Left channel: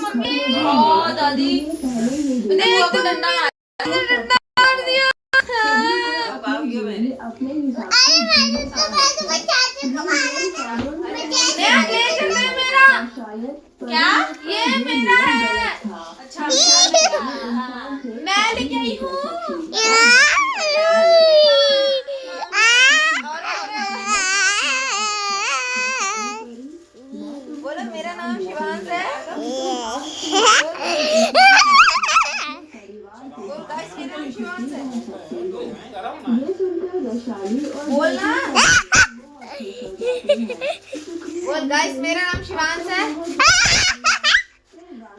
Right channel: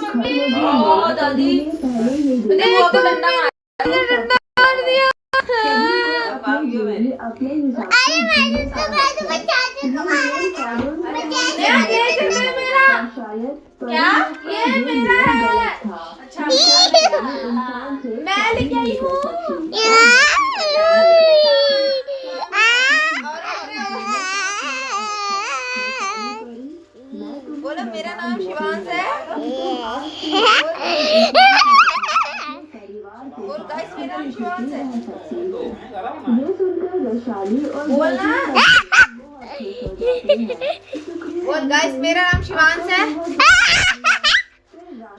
Mummy दादी देख तो डंडा मार दिया। ये चलना मेरा क्या ये मेरा है। अच्छा मैं लेके आई हूँ। बोलो मेरा नाम शिवांश है। बोल गाइस मेरा नाम शिवांश है। बोलना बोल गाइस मेरा नाम शिवांश है।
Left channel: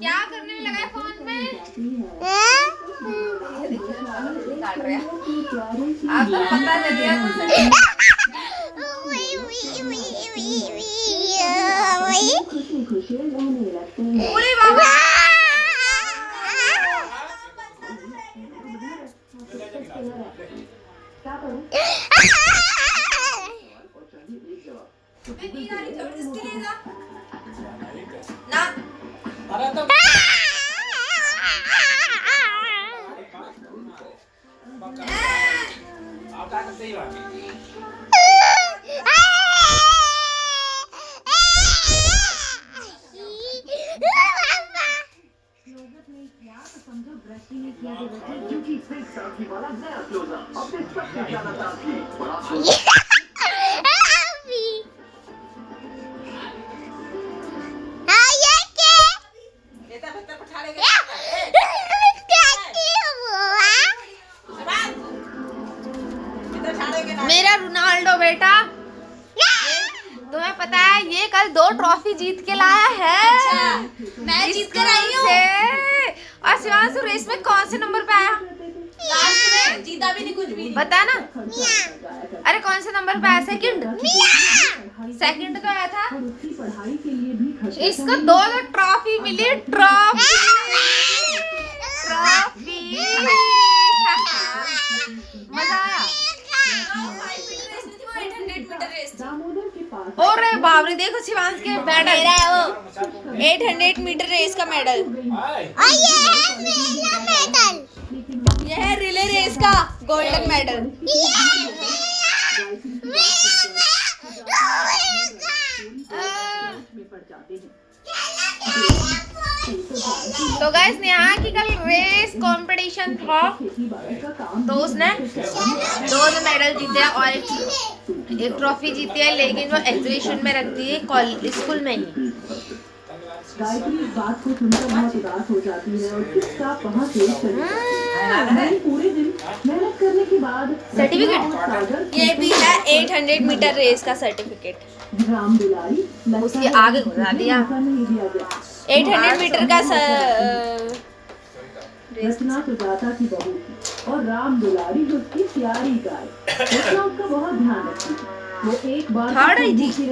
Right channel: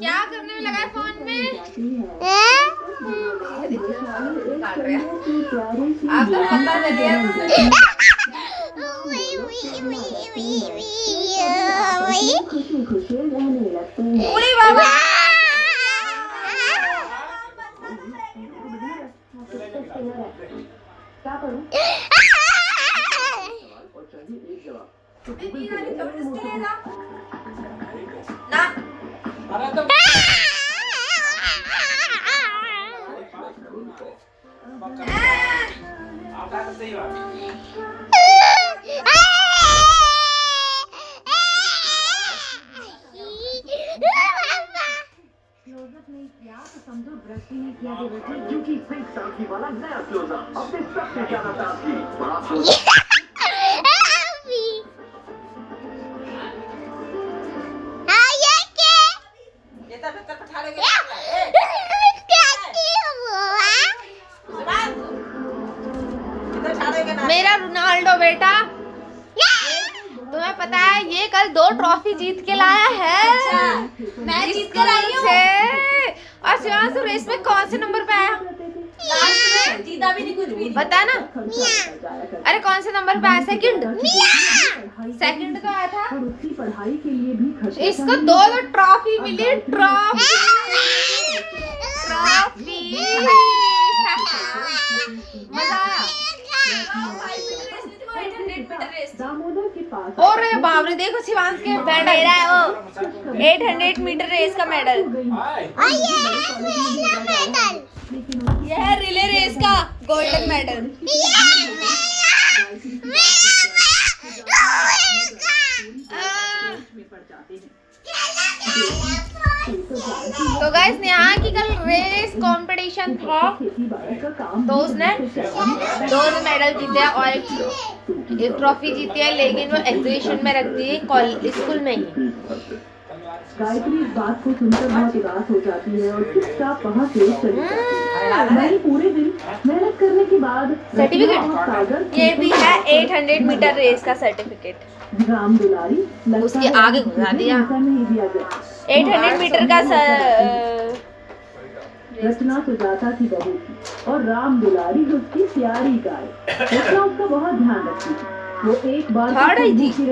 क्या करने में लगा है फोन में? काट रहा है। आप तो पता चल गया पूरी बाबा क्या करूं? ना समझो ब्रश ही नहीं किया क्योंकि सिंक साथी वाला नया क्लोजअप अपने सबसे ज्यादा ताकि बड़ा मेरा रोनाल्डो बेटा तुम्हें पता है ये कल 2 ट्रॉफी जीत के लाया है। मैं जीत कर आई हूं। और शिवांशु रेस में कौन से नंबर पे आया? जीता भी नहीं कुछ भी। बता ना। अरे कौन से नंबर पे आया? सेकंड पे आया था। इसको 2 ट्रॉफी मिली। ट्रॉफी मजा आया। और बाप रे देखो शिवांश के मेडल है वो 800 मीटर रेस का मेडल। यह है रिले रेस का गोल्डन मेडल। तो गाइस यहाँ की कल रेस कंपटीशन था तो उसने 2 मेडल जीते और एक ट्रॉफी जीती है, लेकिन वो एग्जीबिशन में रख दी है स्कूल में ही। गायत्री इस बात को सुनकर बहुत उदास हो जाती है और चुपचाप वहाँ से चली जाती है। पूरे दिन मेहनत करने के बाद सर्टिफिकेट ये भी है 800 मीटर रेस का सर्टिफिकेट। राम दुलारी उसके आगे घुसा दिया। 800 मीटर का रचना सुजाता की बहू थी और राम दुलारी जो उसकी प्यारी गाय रचना उसका बहुत ध्यान रखती थी। वो एक बार थर्ड आई थी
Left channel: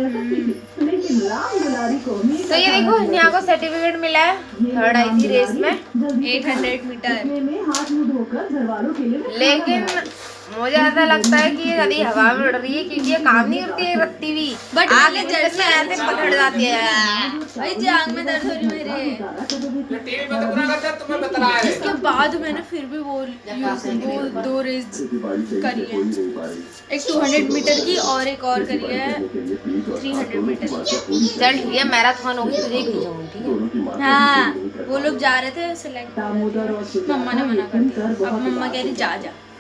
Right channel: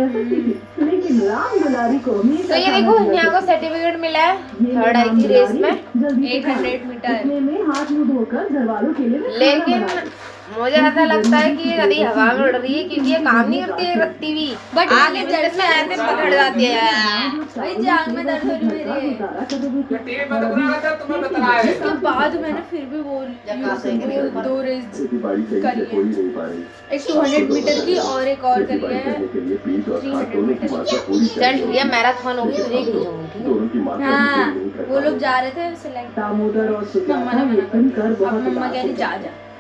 लेकिन राम दुलारी को तो ये देखो यहाँ को सर्टिफिकेट मिला है। थर्ड आई थी रेस में 800 मीटर में हाथ मुंह धोकर घर वालों के लिए। लेकिन मुझे ऐसा लगता है कि ये कभी हवा में उड़ रही है क्योंकि ये काम नहीं करती है रखती भी आगे में ऐसे पकड़ जाती है। भाई जी आंख में दर्द हो रही मेरी। इसके बाद मैंने फिर भी वो 2 रेस करी है। एक 200 मीटर की और एक और करी है 300 मीटर। चल ठीक है मैराथन होगी तुझे भेजूंगी ठीक है। हाँ वो लोग जा रहे थे सेलेक्ट मम्मा ने मना कर दिया। मम्मा कह रही जा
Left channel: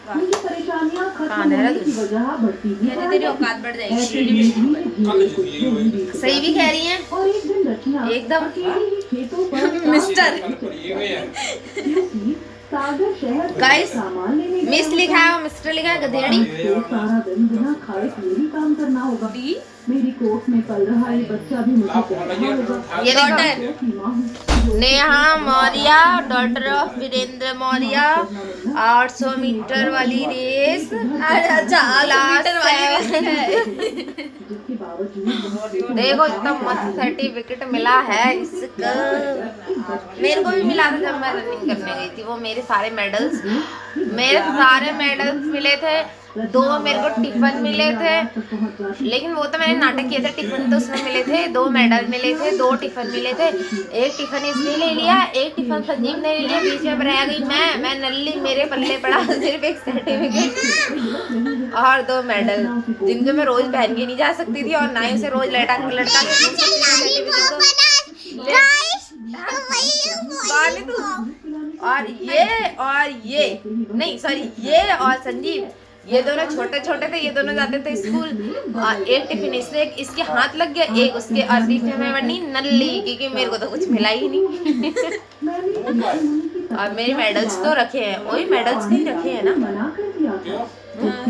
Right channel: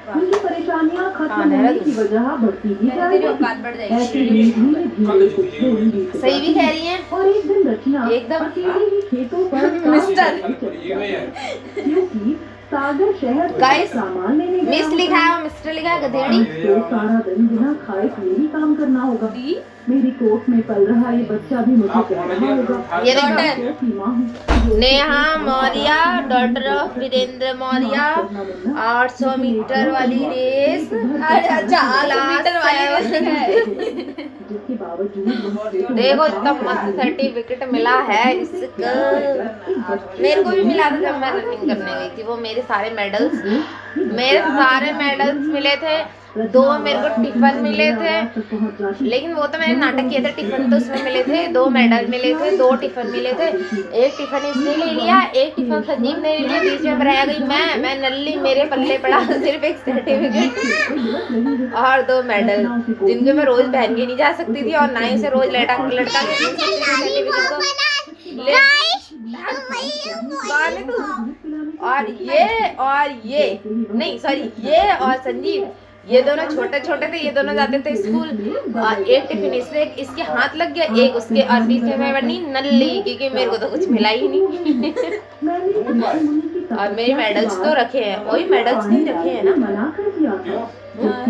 उनकी परेशानियां खत्म होने की वजह बढ़ती ही जा तेरी औकात बढ़ जाएगी। सही भी कह रही हैं। और एक दिन रचना एकदम खेतों पर मिस्टर क्योंकि सागर शहर गाइस सामान लेने मिस लिखा है और मिस्टर लिखा है गधेड़ी। सारा दिन बिना खाए पिए ही काम करना होगा। मेरी कोख में पल रहा ये बच्चा भी मुझे कह रहा होगा। ये देखो Neha Maurya daughter of Virendra Maurya 800 metre वाली रेस क्लास 7। देखो इतना मस्त सर्टिफिकेट मिला है इसका। मेरे को भी मिला था जब मैं रनिंग करने गई थी। वो मेरे सारे मेडल्स मिले थे 2 मेरे को टिफिन मिले थे, लेकिन वो तो मैंने नाटक किया था। टिफिन तो उसमें मिले थे, 2 मेडल मिले थे, 2 टिफिन मिले थे। एक टिफिन इसने ले लिया, एक टिफिन संजीव ने ले लिया। बीच में रह गई मैं नल्ली, मेरे पल्ले पड़ा सिर्फ एक सर्टिफिकेट और 2 मेडल, जिनको मैं रोज पहन के नहीं जा सकती थी और ना ही उसे रोज लटका के घूम सकती थी सर्टिफिकेट को। और ये नहीं सॉरी, ये और संजीव, ये दोनों छोटे छोटे थे, ये दोनों जाते थे स्कूल। एक टिफिन इसके हाथ लग गया, एक उसके, और बीच में मैं बनी नल्ली क्योंकि मेरे को तो कुछ मिला ही नहीं। और मेरे मेडल्स तो रखे हैं, वही मेडल्स नहीं रखे हैं ना,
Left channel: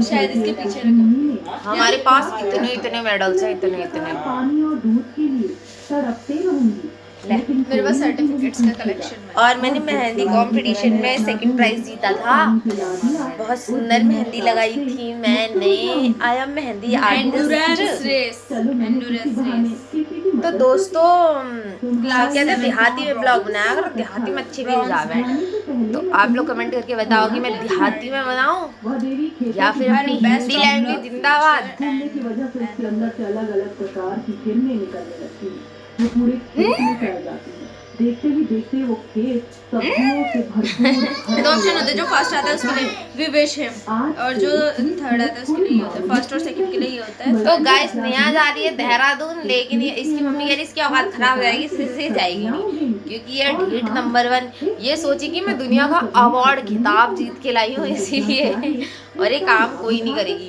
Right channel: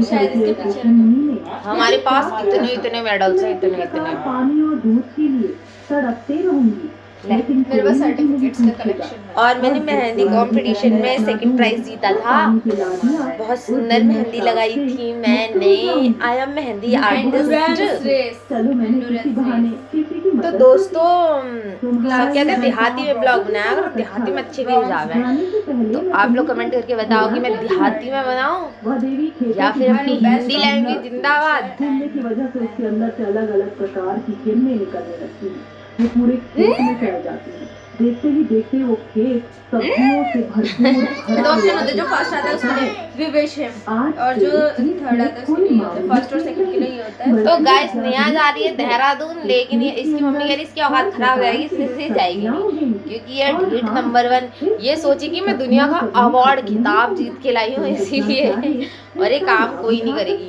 शायद इसके पीछे रखे। हमारे पास इतने मेडल्स हैं, इतने पानी और दूध के लिए तड़पते रहूंगी। मेरे पास सर्टिफिकेट्स का कलेक्शन है। और मैंने मेहंदी कंपटीशन में सेकंड प्राइज जीता था। बहुत सुंदर मेहंदी लगाई थी मैंने। I am mehndi artist. तो दोस्तों सब कहते हैं देहाती में ब्लॉग बनाया करो, देहाती में अच्छे व्यूज आवे। तो आप लोग कमेंट करके बताओ कि मैं देहाती में बनाऊं या फिर अपनी हिंदी लैंग्वेज जिंदाबाद। की वजह से उसके अंदर से अलग अलग प्रकार की किरणें निकलने लगती हैं। वो पूरे खेत में फैल जाती है। देखते ही देखते वो खेत सब्जियों से भरपूर। 2 ऑप्शन होते हैं, जो फर्स्ट आता है उसके लिए विवेश है और जो थर्ड आता है उसके लिए होता है। फर्स्ट और सेकंड के लिए ही होता है। तो गाइस नेहा जा रही है देहरादून, लेकिन ये इसकी मम्मी कह रही इसकी औकात खराब हो जाएगी, इसलिए जाएगी नहीं, क्योंकि ये ढीठ नंबर 1। ये सोची कि मैं दुनिया का अवार्ड खिताब जीत के लाई हूँ इसीलिए, और ये काम कोई नहीं करेगी।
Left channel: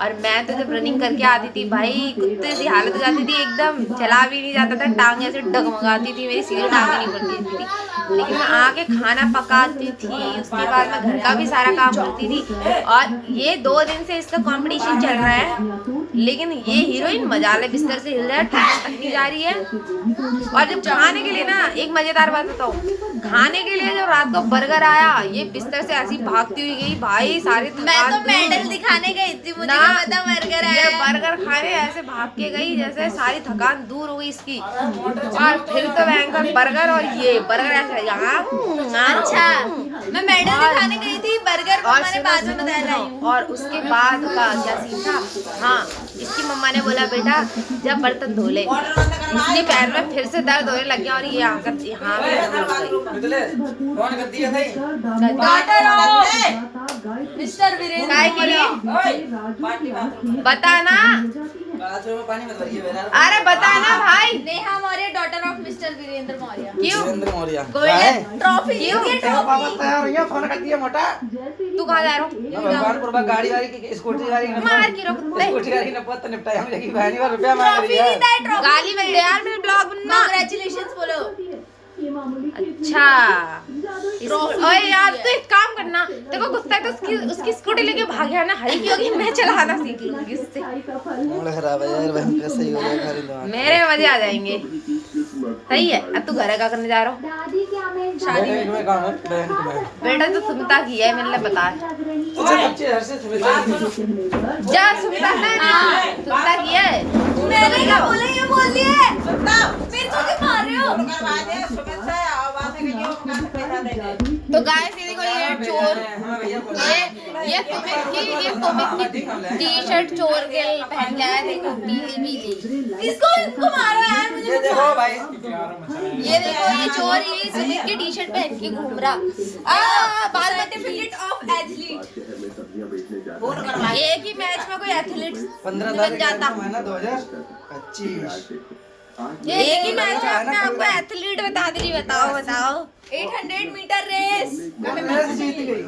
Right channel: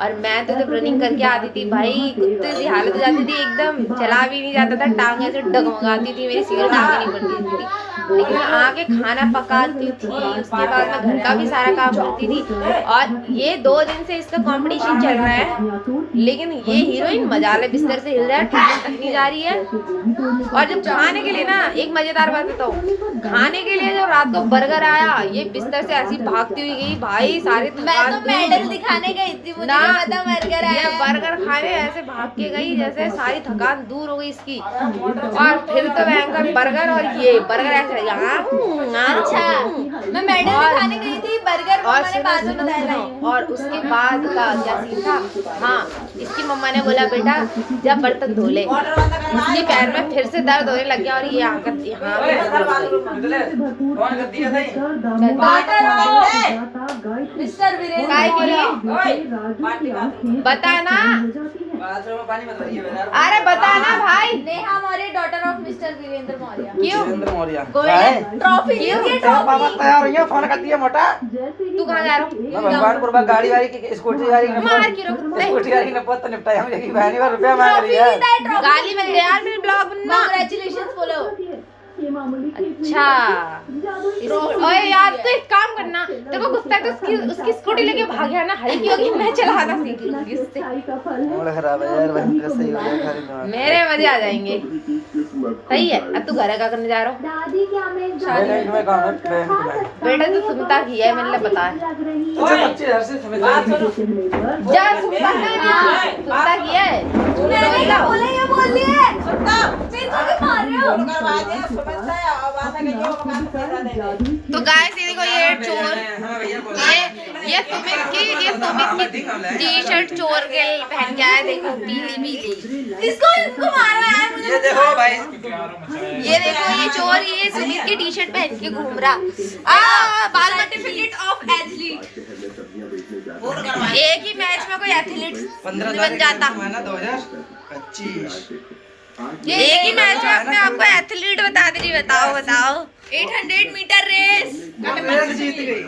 और मैं तो जब रनिंग करके आती थी भाई, कुत्ते सी हालत हो जाती थी एकदम, चला भी नहीं जाता था, टांग ऐसे डगमगाती थी, मेरी सीधे टांगे नहीं पड़ती थी। लेकिन मैं आके खाना पकाती थी, उसके बाद मैं घर का भी सारा काम करती थी। और ये 2 दिन से इसका कंपटीशन चल रहा है, लेकिन ये हीरोइन मजाले बिस्तर से हिल रहा है, ट्यूशन तक नहीं जा रही है। और जब खाने के लिए ना, एक मजेदार बात बताऊं, खाने के लिए जब रात को बर्गर आया, ये बिस्तर से ऐसी भागती हुई गई भाई, सारे मैं तो मेडल दिखाने गई थी, मुझे पता बर्गर ये आया। बर्गर खाने ऐसे भाग के गई जैसे सारी थकान दूर हो गई इसकी। और फिर तो भयंकर बर्गर, और ये बर्गर ऐसे अच्छा, मैं मेडल दिखाने गई थी, बर्गर को और मैंने बाद में बताया रही हूँ। और उसके बाद का क्या सीन था, हाँ इसकी मम्मा ने बोला बेटा जब बर्तन धो ले, इसके पैर में फिर से दर्द होने लग गया और ये यहाँ मिस्टर वीरेंद्र काय के लिए बताना, अरे बताना भाई। Neha Maurya daughter of mister Virendra Maurya. क्यों गोल्डन ट्रॉफी क्यों तैयार हुई है, फोन कर दिया मोटा। तू कहाँ जा रहा हूँ? मैं भगवानपुर में गाड़ी वाली की स्कूटी वाली मार के रख कुत्ते। स्कूटी वाली ने बहुत निपटाया मुझे कि बहनी और रुपया मांग रही है। गाली मिल गया यार मेरे ब्लॉग बनना। कांग्रेचुलेशंस बोलो। अच्छा ओए यार तू एक काम करना, देखो गुस्सा है तो उसकी स्कूटी लेके भाग गया ना, हल्की होगी मैं चलाना सीख लूंगी उससे। मूड खराब है यार, बहन का सही हो गया घर में। मेरे मजे आ जाएंगे। सही है। अब तू घर का करने जा रहा हूँ? शादी में काम है बहन की। बेटा तू सुनता किया है मैंने बता अच्छा बच्चे घर से जा, सुनता है ना, सुनता किया है। ये बोल लिए फिर तुझे मार रहे हो। तो गाइस ये देखो, ये चोर, ये सुमित की टी-शर्ट चोर के पहन के आया, देखो पीली पीली। इसको मारो यार, मुझे ये देखो भाई, ये देखो ये चोर, ये सुमित की टी-शर्ट पहन के घूम रहा। बाल मत सर्टिफिकेट ऑफ एथलीट। एक ही मैच में कोई एथलीट 15 बन जाता। 2025 एक ही मैच में अपने आप को एथलीट बता दे रही। बताओ 800 मीटर रेस जीत गई।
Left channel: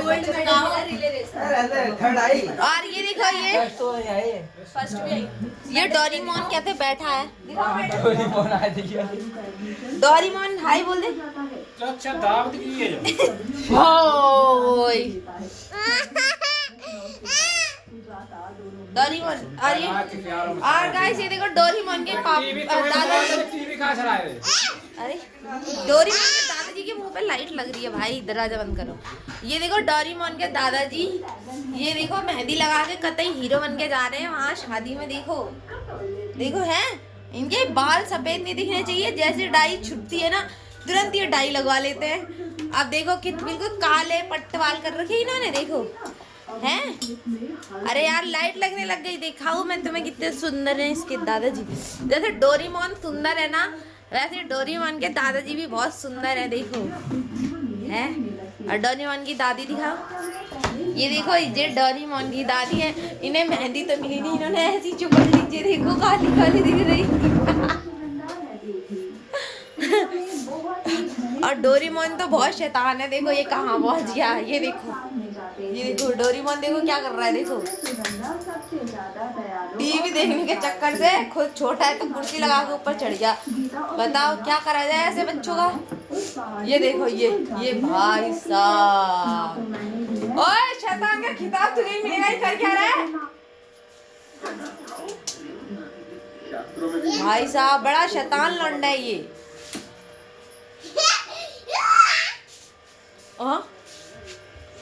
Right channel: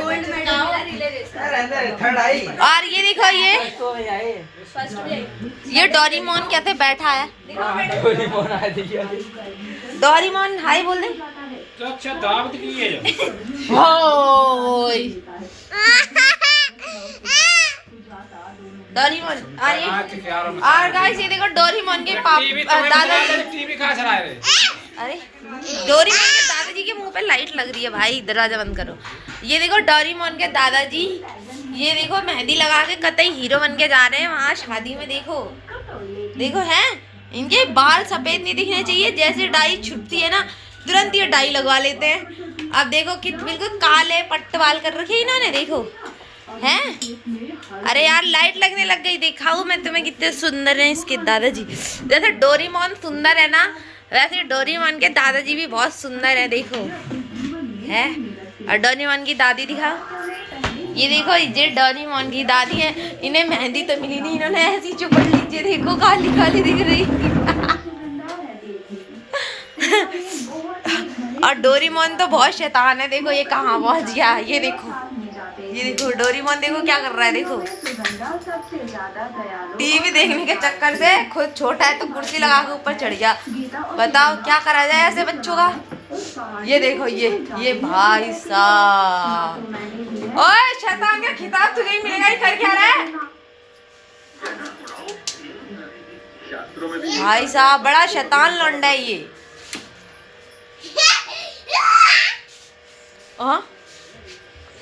Gold medal relay race. अरे थर्ड आई। और ये देखो, ये तो आई फर्स्ट भी आई। ये डोरेमोन कहते बैठा है। कोई फोन आ दिया। डोरेमोन हाय बोल दे। अच्छा दावत की है होय डोरेमोन। और गाइस ये देखो डोरेमोन के दादाजी, टीवी कहाँ चला रहे? अरे डोरेमोन के दादाजी के मुंह पे लाइट लग रही है भाई, दरवाजा बंद करो। ये देखो डोरेमोन के दादाजी, ये देखो मेहंदी लगा के कतई हीरो बन के जा रहे हैं वहाँ शादी में। देखो हैं, इनके बाल सफेद नहीं दिखने चाहिए, जैसे डाई छुटती है ना तुरंत ये डाई लगवा लेते हैं। अब देखो कि बिल्कुल काले पट्ट बाल कर रखे इन्होंने, देखो हैं? अरे यार लाइट लगने लग गई, दिखाऊं मैं तुम्हें कितने सुंदर हैं इसके दादाजी। जैसे डोरेमोन सुंदर है ना, वैसे डोरेमोन के दादाजी भी बहुत सुंदर है, देखो है। और डोरेमोन की दादी दिखाओ, ये देखो ये डोरेमोन की दादी है। इन्हें मेहंदी तो मिली नहीं, इन्होंने ऐसी चुपड़ लीजिए, देखो काली काली दिख रही। और डोरेमोन तो बहुत शैतान है, देखो ये कहाँ पहुंच गया, ये देखो डोरेमोन देखो क्या कर रहा है, देखो टीवी देखने के चक्कर से खुद छोटा है तो कुर्सी लगा के ऊपर चढ़ गया। बताओ क्या करा जाए ऐसे बच्चों का। ये देखो ये भाई साहब, ओए शैतान का खिताब तुझे ही मिलेगा, ये कर क्या रहा है भाई साहब, बड़ा शैतान लौंडा है ये।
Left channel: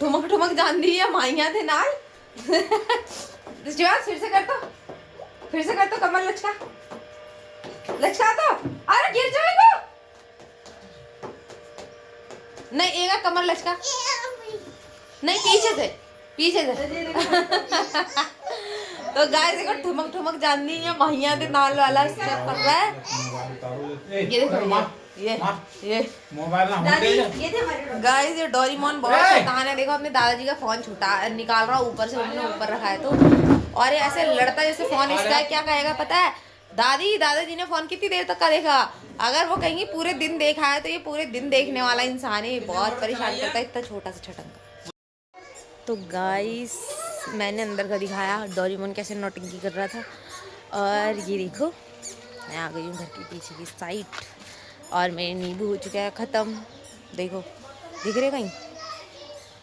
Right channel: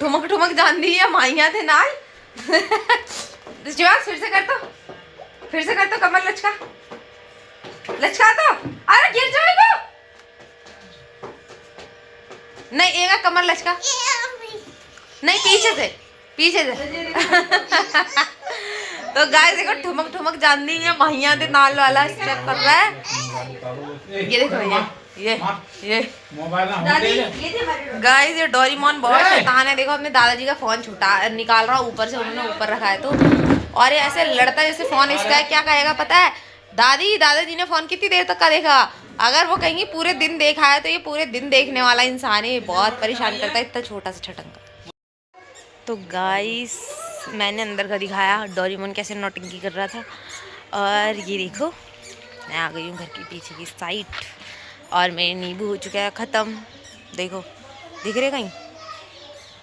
ठुमक ठुमक जान दी है माइया थे नाल। फिर से कर तो कमर लचका तो, अरे गिर जाएगा। नहीं एगा कमर लचका, नहीं पीछे से तो गाइस देखो ठुमक ठुमक जान दी है माइया थे नाल वाला स्टेप कर रहा है। ये देखो ये मोबाइल ना होते गाइस ये डोरेमोन बहुत शैतान है। देखो अपने दादाजी का फोन छुटा निकाल रहा ऊपर से, उन्होंने ऊपर रखा है तो, और ये ऐसे लड़ता है जैसे फोन इसका है। क्या कहेगा पता है, दादाजी ने फोन कितनी देर तक का देखा। अगर वो कहेंगे पूरे दिन देखा है तो ये पूरे दिन देखने वाला इंसान है, बहुत परेशान करता है इतना छोटा सा छटंगा। तो गाइस मैंने अंदर का दिखाया डोरेमोन कैसे नौटंकी कर रहा था। और ये देखो मैं आ गई हूँ घर के पीछे की साइड, और मेरे नींबू हो चुका है ख़त्म। देखो दिख रहे कहीं,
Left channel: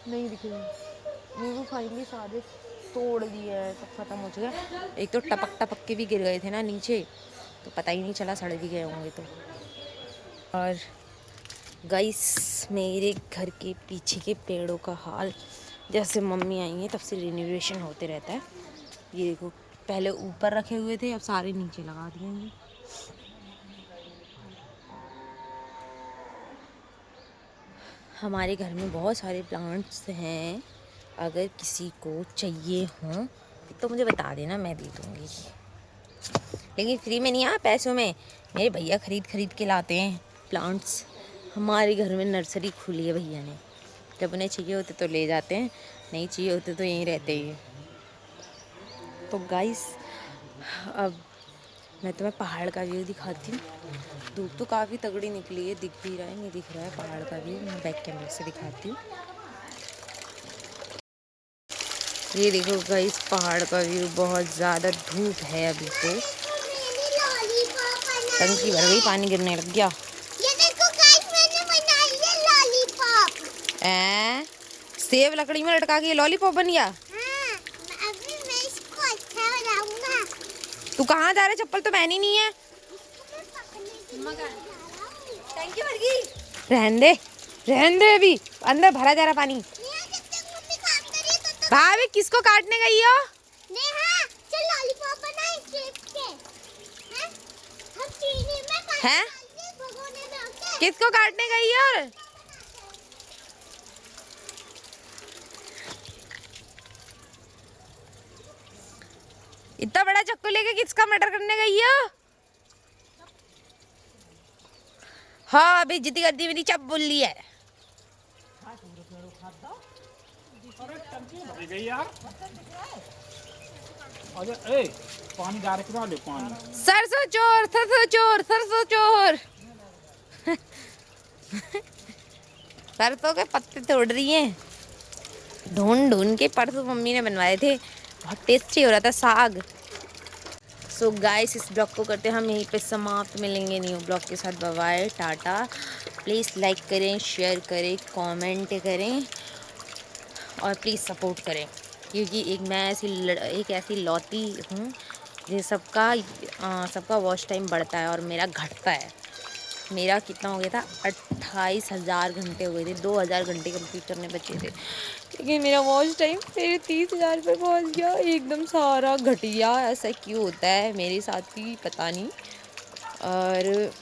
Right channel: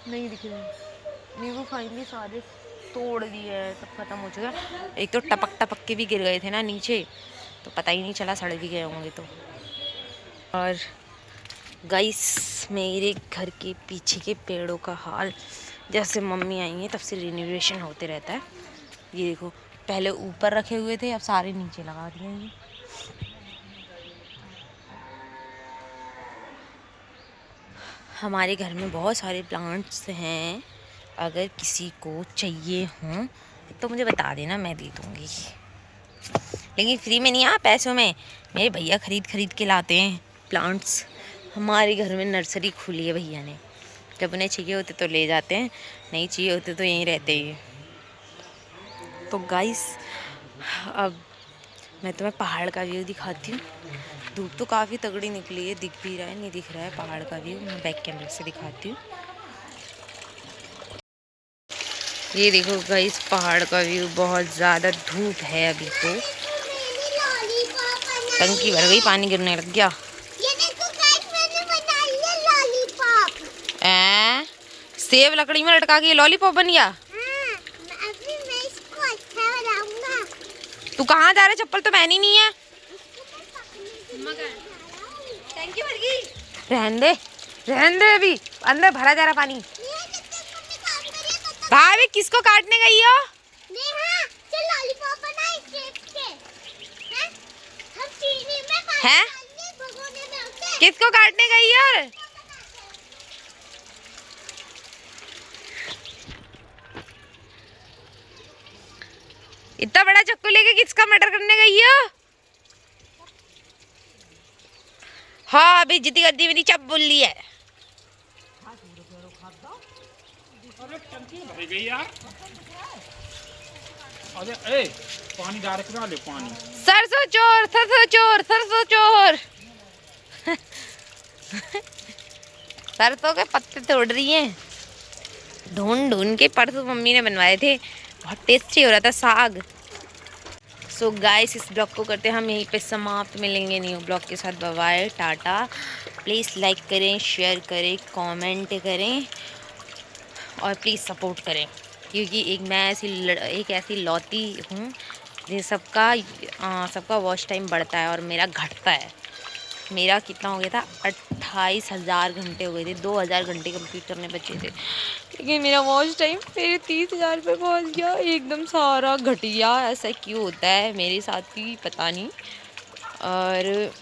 नहीं दिख रहे नींबू, फाइनली सारे तोड़ दिए हैं, सब ख़त्म हो चुका है। एक तो टपक के भी गिर गए थे ना नीचे, तो पता ही नहीं चला, सड़ भी गए होंगे तो। और गाइस मेरे घर के पीछे के पेड़ों का हाल, जैसे मम्मी आई है तब से रिनोवेशन होते रहता है। ये देखो पहले ऊपर रखे हुए थे, अब सारे नीचे लगा दिए हैं। हमारे घर में बहुत सारे प्लांट्स हैं, अगर किसी को चाहिए हों तो मुझे बता देना, मैं दे दूँगी। लेकिन फ्री में नहीं, पैसों में। मेरे भैया खरीद के लाते हैं प्लांट्स। हमारे घर में नर्सरी खुली है भैया ने, जब उन्हें चाहिए होते तो ले जाते हैं, नहीं चाहिए होते तो यहीं रहते ही। तो गाइस अब मैं तुम्हें पहाड़ का व्यू दिखाती हूँ। धूप तो काफ़ी तगड़ी निकली है, दिख भी रहा है नहीं दिख रहा है पहाड़ का व्यू, मैं बैक कैमरे से दिखाती हूँ। ये देखो गाइस पहाड़ का व्यू, बहुत ज़्यादा धूप है अभी तो, टंकी भर गई, पानी गिरने लग गया। ये देखो गाइस मैंने बनाई है लॉलीपॉप। सेब लकड़ी में लटका के ये लॉलीपॉप बन गया। अभी मैं इसको अच्छा बनाऊंगा। तू कहाँ जा रहा है, चप्पल तो पहनी नहीं है। रहन दे अभी, अंदर भरा जा रहा पानी। भाभी किसको काटने गई हो? नेहा चल लॉलीपॉप बनाए सेब के। हैं? हम चीनी में पानी हैं? डाल के भगोने में ओके। किसको काटने गई हो? इतना बड़ा चक्कू लेके किसका मर्डर करने गई हो? हाँ अभी जितनी गद्दी मेरी चप बोल ली है। गई यार, अरे ए पानी डायरेक्ट ना ले पानी। सरसों चोर सरसों के पत्ते तोड़ रही हैं, ढूंढ के। परसों मम्मी ने बनवाए थे, बहुत टेस्टी हो रहा था साग। सो गाइस इस ब्लॉग को करते हम यहीं पे समाप्त, मिलेंगे न्यू ब्लॉग के साथ। Bye bye tata. Please like करें, शेयर करें, कमेंट करें और प्लीज़ सपोर्ट करें, क्योंकि मैं एक ऐसी लौती हूँ जिन सबका वॉच टाइम बढ़ता है और मेरा घटता है। मेरा कितना हो गया था, 28,000 घंटे हो गए थे, 2,000 घंटे कंप्लीट करने बचे थे, लेकिन मेरा वॉच टाइम फिर 30,000 पे पहुँच गया, एकदम सारा घट गया। ऐसा क्यों होता है मेरे साथ ही पता नहीं। और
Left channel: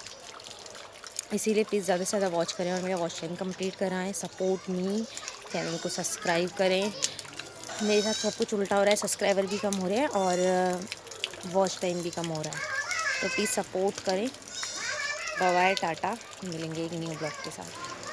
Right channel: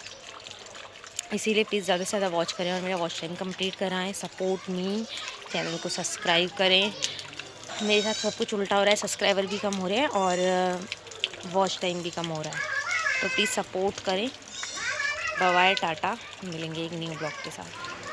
इसीलिए प्लीज़ ज़्यादा से ज़्यादा वॉच करें और मेरा वॉच टाइम कंप्लीट कराएं। सपोर्ट मी, चैनल को सब्सक्राइब करें मेरे साथ सब कुछ उल्टा हो रहा है, सब्सक्राइबर भी कम हो रहे हैं और वॉच टाइम भी कम हो रहा है। तो प्लीज़ सपोर्ट करें। बाय बाय, टाटा, मिलेंगे एक न्यू ब्लॉग के साथ।